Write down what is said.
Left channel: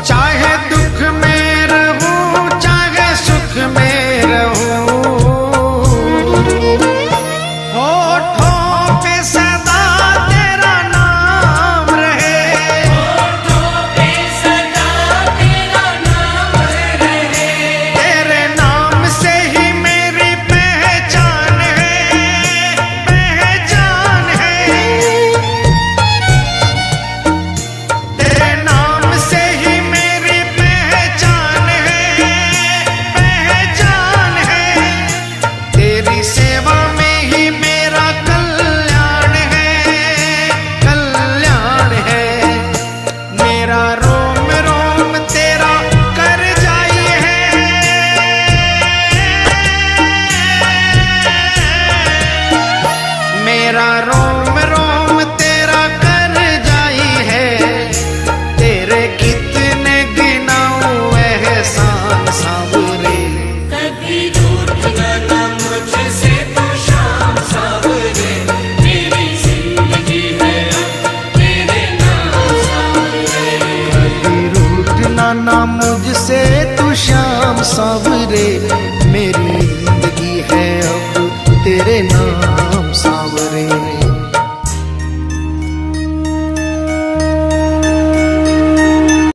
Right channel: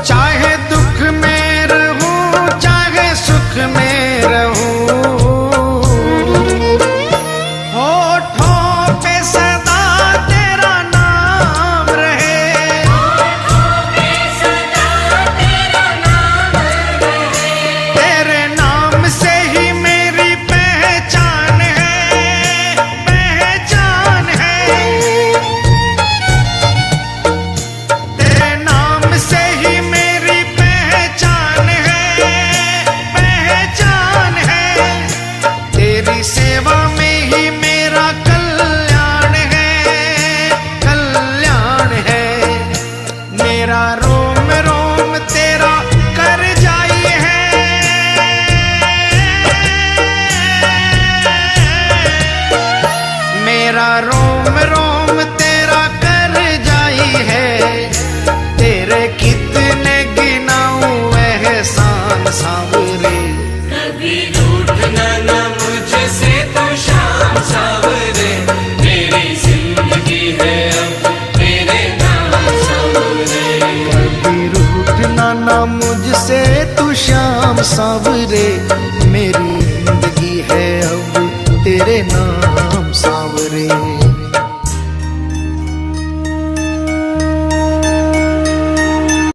चाहे दुख में रहूं चाहे सुख में रहूं, होठों पे सदा तेरा नाम रहे, तेरे नाम से ही मेरी पहचान है, पहचान है। तेरे नाम से ही मेरी पहचान है, पहचान है। तेरी सेवा में ही मेरा कल्याण है, कल्याण है। मेरा रोम रोम तेरा कर जाई है, मेरा रोम रोम तेरा कर जाई है। तेरे कितने गिनाऊं एहसान सांवरे, कभी रूठना ना मुझसे तो शाम सांवरे, मेरी जिंदगी है अब तेरे नाम सांवरे। कभी रूठना ना मुझसे तू श्याम सांवरे, मेरी जिंदगी है अब तेरे नाम सांवरे।